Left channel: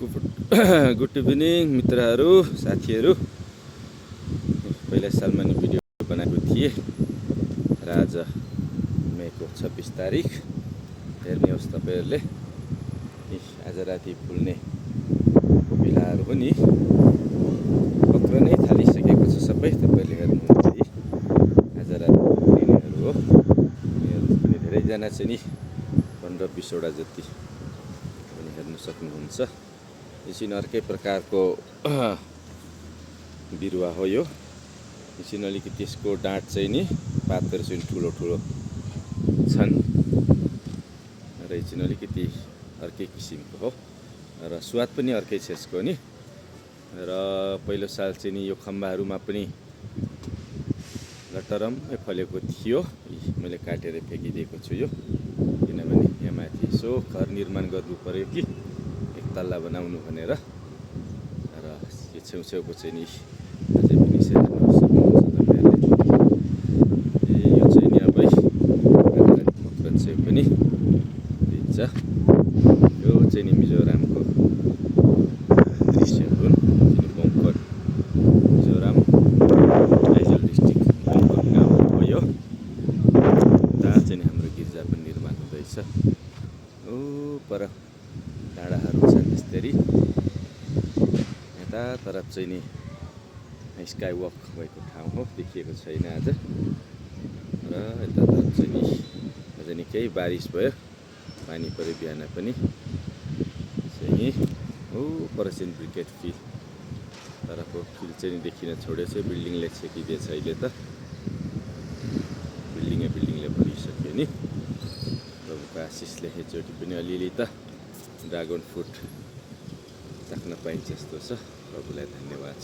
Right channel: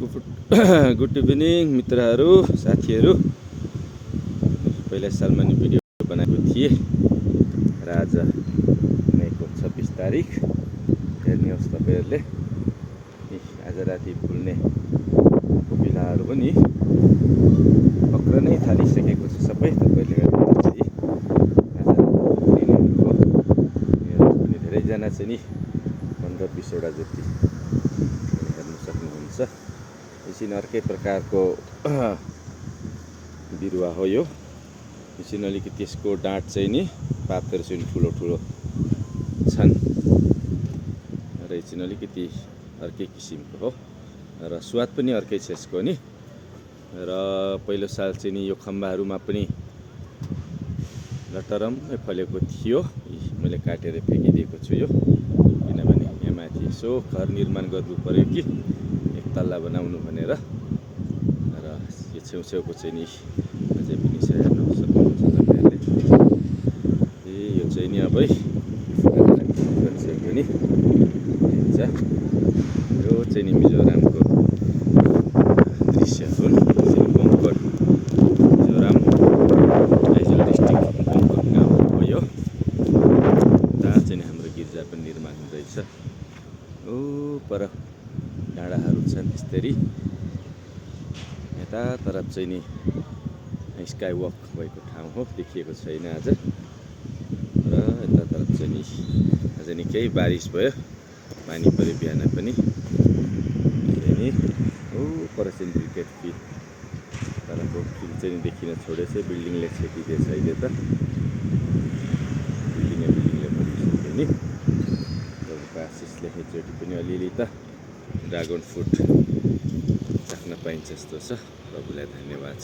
Good evening मित्रहरू साथीहरू। पहिला सालमा नि भिडियो बनाएको थिएँ र आज मेको 26 तारिक हेर्नुहोस् तपाईहरुले। आज राति फुल्ने कोपिलाहरू पनि पक्रनै थालिसकेको छ सबै। तपाईहरुले हेर्नुहुन्छ आज राति फुल्नेहरू हो। मेरो पनि धेरैजना चाहिँ नि 15-20 वटा जति हेर्न सक्नुहुन्छ। यसरी अर्कै प्रकारको बिरुवा हो यो। यसरी अलिकति यसको डाँठ चाहिँ नि पातहरू चाहिँ ठुलो ठुलो छन् र यसरी अलिकति अर्कै किसिमको हो र स्वाद पनि अर्कै छ यसको नि। र पहिलो साल चाहिँ नि यो खम्बाहरूमा पनि लटरम्मै फलेको थियो। मैले काटेर फ्याँकिदिएको छु यो, किनभने यहाँ माथि यसो घर निर्माण गर्नु पर्यो कि एक तल्ला बनाउनु भनेर। र यो छेउछेउको चाहिँ नि अझै पनि यो चाहिँ नि अब छेउ पनि हुन्छ। यो चाहिँ नि मिजोरामको दृश्य हुन्। बङ्कट मिजोराम आइजल डिस्ट्रिक्ट बङ्कट गाउँ हो यो। त्यहाँ चाहिँ नि हाम्रो गिर्जा पनि निर्माण हुँदैछ। ओ पर डाँडाहरू छन् त्यसरी। यता तरफ चाहिँ नि स्काई वक भएको ठाउँ हो, देखिएको छैन आज। र यता तरफ चाहिँ नि आज निकै बारिस भयो, पानी पऱ्यो बिहान पनि चाहिँ नि। ओ परसेन ब्रिकेट फिल्ड तरको फिल्ड चाहिँ नि देखिन छोडेछ। बिल्डिङले छेकिदिएछ अहिले त, बिल्डिङले भरिसक्यो नि। प्रभुको आशिषले एकचोटि पनि अलिअलि त ड्रागन फ्रुट चाख्न पाइन्छ जस्तो छ। प्रभुलाई धन्यवाद छ।